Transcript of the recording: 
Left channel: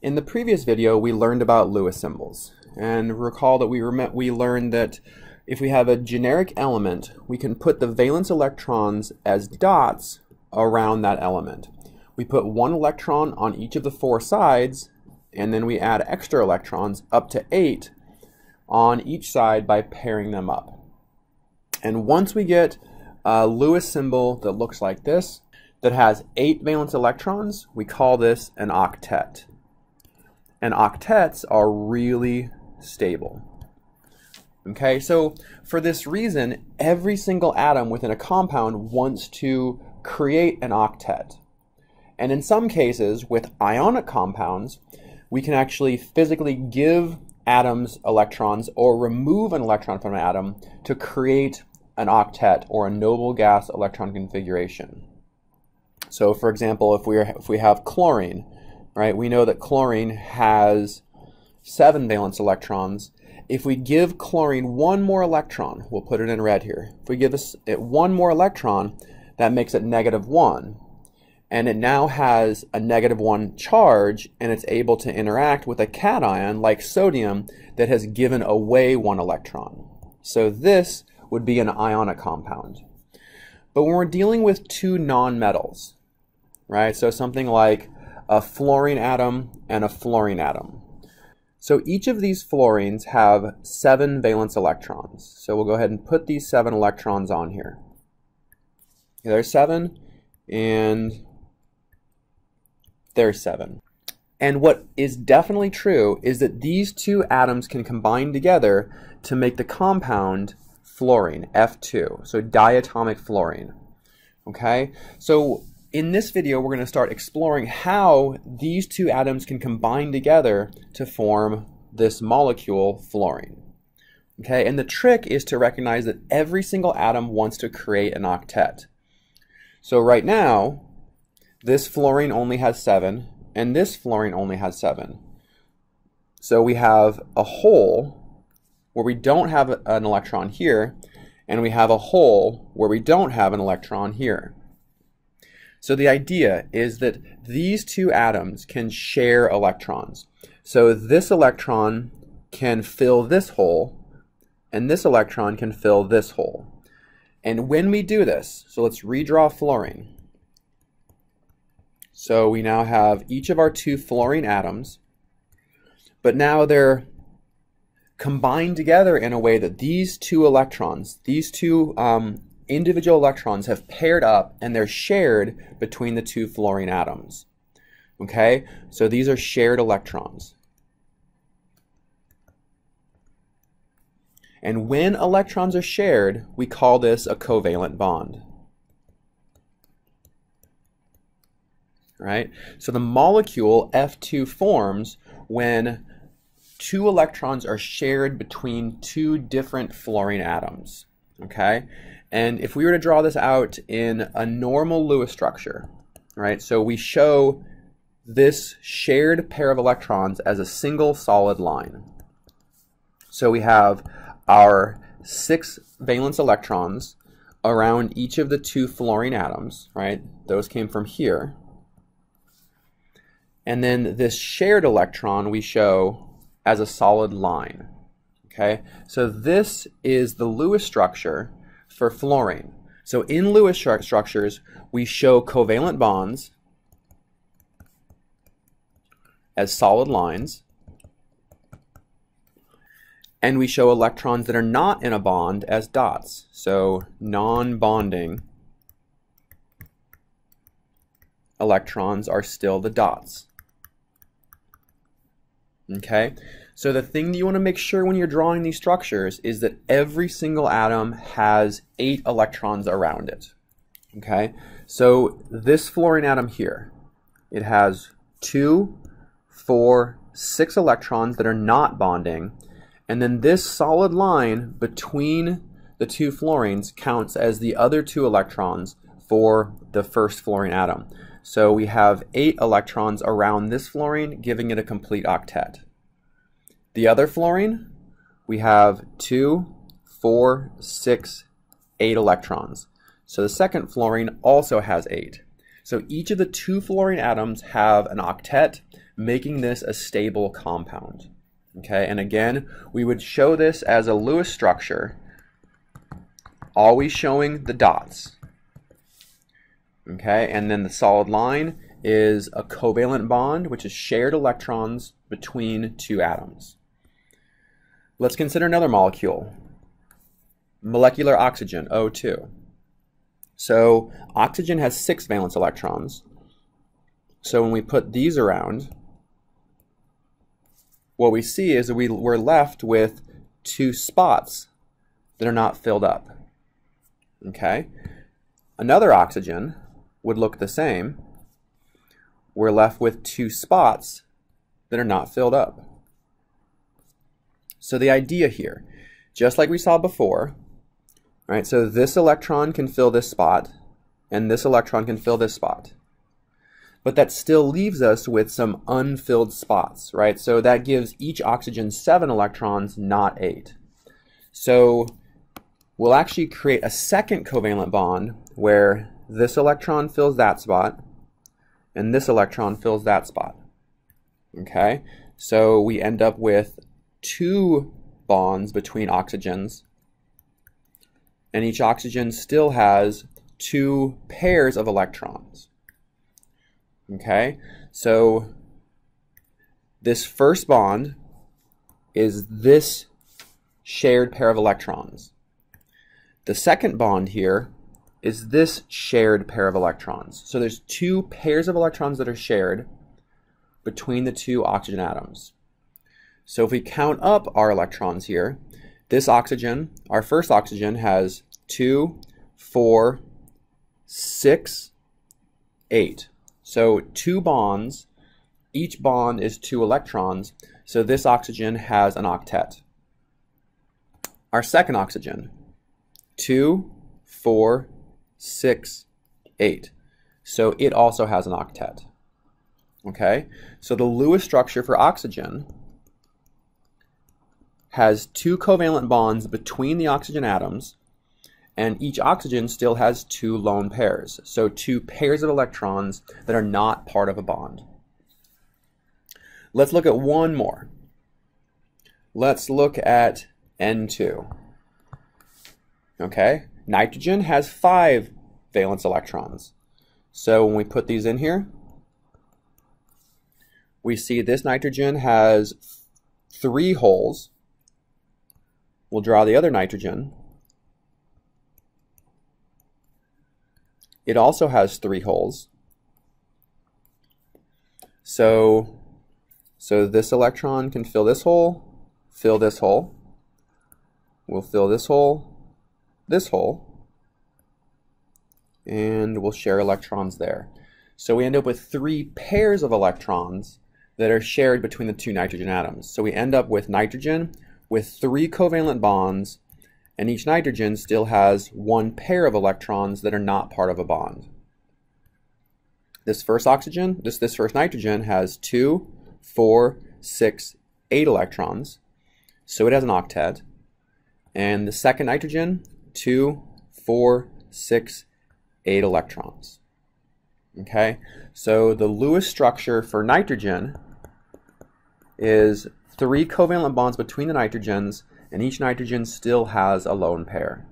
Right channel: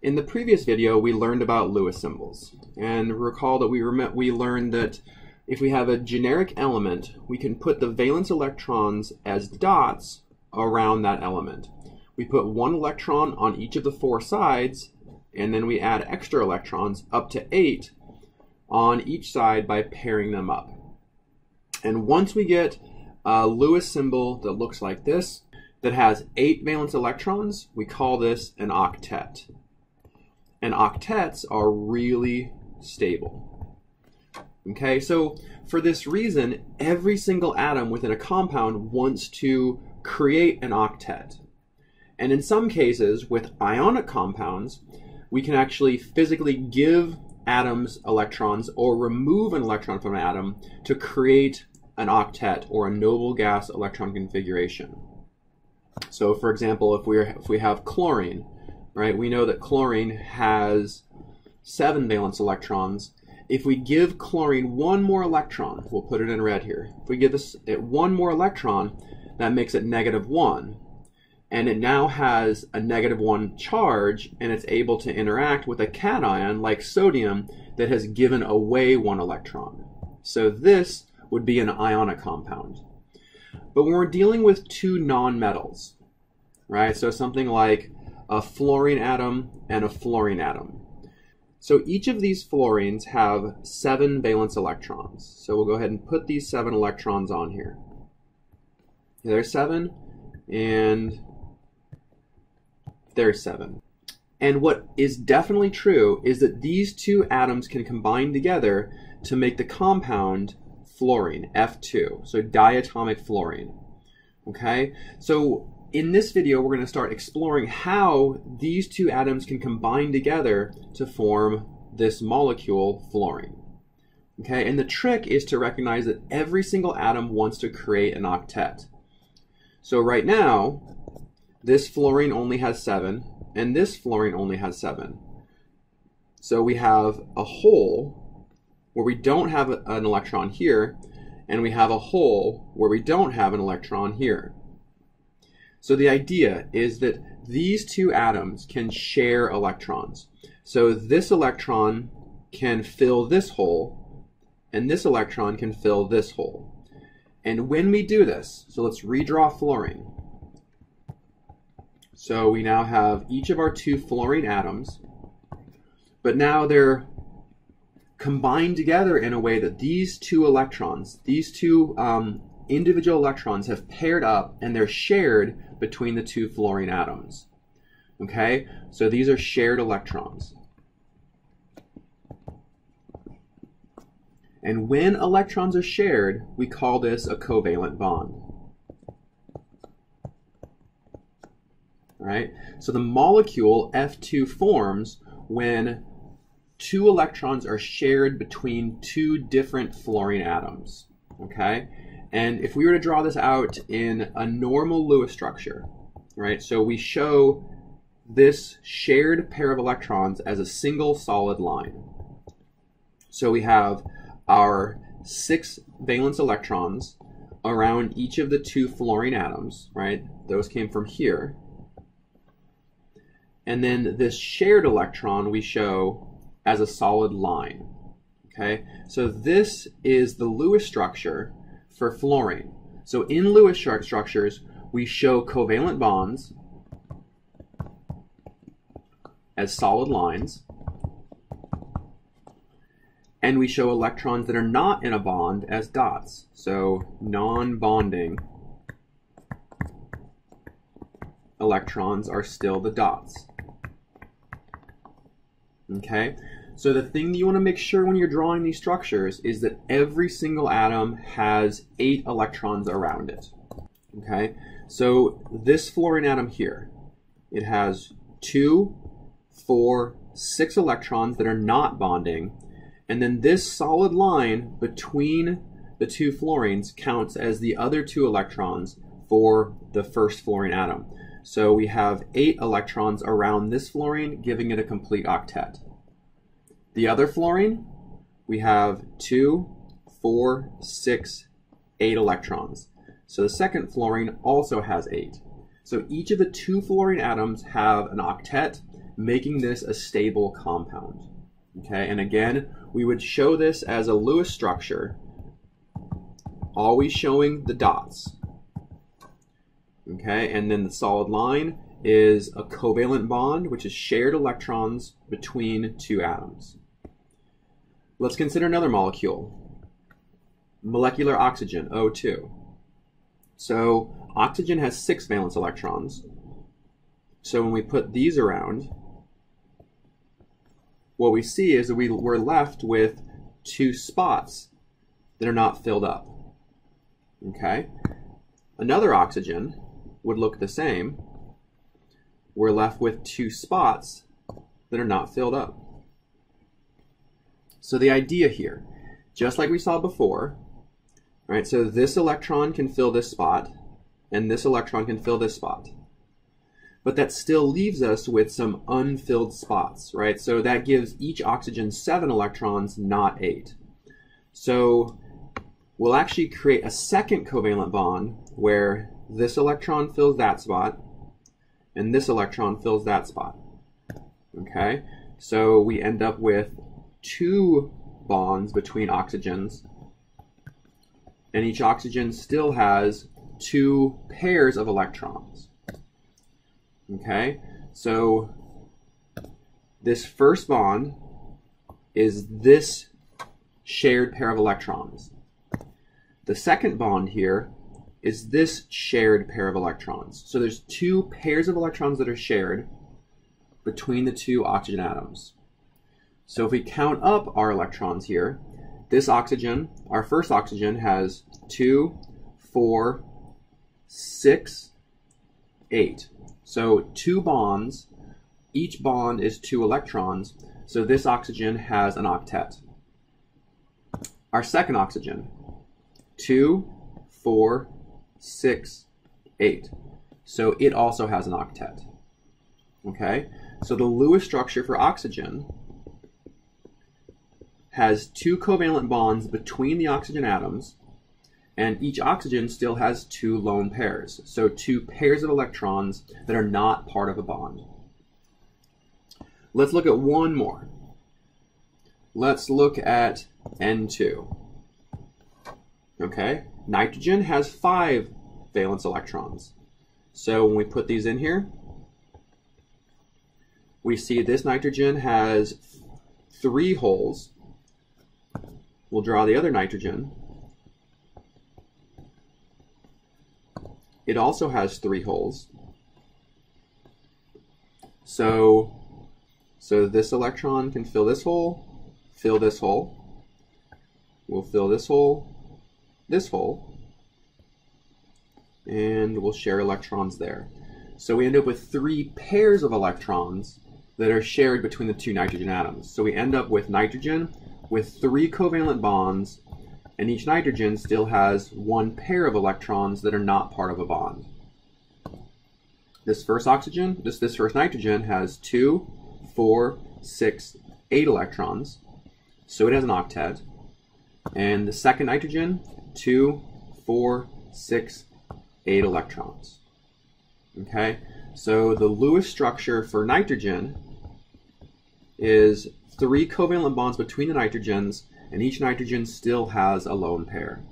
In the previous video, we learned about Lewis symbols, and recall that we learned that if we have a generic element, we can put the valence electrons as dots around that element. We put one electron on each of the four sides, and then we add extra electrons, up to 8, on each side by pairing them up. And once we get a Lewis symbol that looks like this, that has 8 valence electrons, we call this an octet. And octets are really stable. Okay, so for this reason, every single atom within a compound wants to create an octet. And in some cases, with ionic compounds, we can actually physically give atoms electrons or remove an electron from an atom to create an octet or a noble gas electron configuration. So for example, if we have chlorine, right, we know that chlorine has 7 valence electrons. If we give chlorine one more electron, we'll put it in red here. If we give it one more electron, that makes it -1. And it now has a -1 charge, and it's able to interact with a cation like sodium that has given away 1 electron. So this would be an ionic compound. But when we're dealing with 2 nonmetals, right, so something like a fluorine atom and a fluorine atom. So each of these fluorines have 7 valence electrons. So we'll go ahead and put these 7 electrons on here. There's 7, and there's 7. And what is definitely true is that these 2 atoms can combine together to make the compound fluorine, F2, so diatomic fluorine. Okay, so in this video, we're going to start exploring how these 2 atoms can combine together to form this molecule, fluorine. Okay, and the trick is to recognize that every single atom wants to create an octet. So right now, this fluorine only has 7, and this fluorine only has 7. So we have a hole where we don't have an electron here, and we have a hole where we don't have an electron here. So the idea is that these 2 atoms can share electrons. So this electron can fill this hole, and this electron can fill this hole. And when we do this, so let's redraw fluorine. So we now have each of our 2 fluorine atoms, but now they're combined together in a way that these 2 electrons, these 2 individual electrons have paired up, and they're shared between the 2 fluorine atoms. Okay, so these are shared electrons. And when electrons are shared, we call this a covalent bond. Right? So the molecule F2 forms when 2 electrons are shared between 2 different fluorine atoms. Okay? And if we were to draw this out in a normal Lewis structure, right, so we show this shared pair of electrons as a single solid line. So we have our 6 valence electrons around each of the 2 fluorine atoms, right? Those came from here. And then this shared electron we show as a solid line. Okay, so this is the Lewis structure for fluorine. So in Lewis structures, we show covalent bonds as solid lines, and we show electrons that are not in a bond as dots. So non-bonding electrons are still the dots. Okay? So the thing that you want to make sure when you're drawing these structures is that every single atom has 8 electrons around it. Okay, so this fluorine atom here, it has 2, 4, 6 electrons that are not bonding, and then this solid line between the 2 fluorines counts as the other 2 electrons for the first fluorine atom. So we have 8 electrons around this fluorine, giving it a complete octet. The other fluorine, we have 2, 4, 6, 8 electrons. So the second fluorine also has 8. So each of the 2 fluorine atoms have an octet making this a stable compound. Okay, and again, we would show this as a Lewis structure, always showing the dots. Okay, and then the solid line is a covalent bond, which is shared electrons between two atoms. Let's consider another molecule, molecular oxygen, O2. So oxygen has 6 valence electrons. So when we put these around, what we see is that we're left with 2 spots that are not filled up. Okay? Another oxygen would look the same. We're left with 2 spots that are not filled up. So the idea here, just like we saw before, right? So this electron can fill this spot, and this electron can fill this spot. But that still leaves us with some unfilled spots, right? So that gives each oxygen 7 electrons, not 8. So we'll actually create a second covalent bond where this electron fills that spot, and this electron fills that spot. Okay? So we end up with 2 bonds between oxygens, and each oxygen still has 2 pairs of electrons. Okay, so this first bond is this shared pair of electrons. The second bond here is this shared pair of electrons. So there's 2 pairs of electrons that are shared between the 2 oxygen atoms. So if we count up our electrons here, this oxygen, our first oxygen, has 2, 4, 6, 8. So 2 bonds, each bond is 2 electrons, so this oxygen has an octet. Our second oxygen, 2, 4, 6, 8. So it also has an octet. Okay, so the Lewis structure for oxygen has 2 covalent bonds between the oxygen atoms, and each oxygen still has 2 lone pairs, so 2 pairs of electrons that are not part of a bond. Let's look at one more. Let's look at N2. Okay, nitrogen has 5 valence electrons. So when we put these in here, we see this nitrogen has 3 holes. We'll draw the other nitrogen. It also has 3 holes. So this electron can fill this hole, fill this hole. We'll fill this hole, and we'll share electrons there. So we end up with 3 pairs of electrons that are shared between the 2 nitrogen atoms. So we end up with nitrogen with 3 covalent bonds, and each nitrogen still has 1 pair of electrons that are not part of a bond. This first oxygen, this first nitrogen has 2, 4, 6, 8 electrons, so it has an octet. And the second nitrogen, 2, 4, 6, 8 electrons. Okay, so the Lewis structure for nitrogen is 3 covalent bonds between the nitrogens, and each nitrogen still has a lone pair.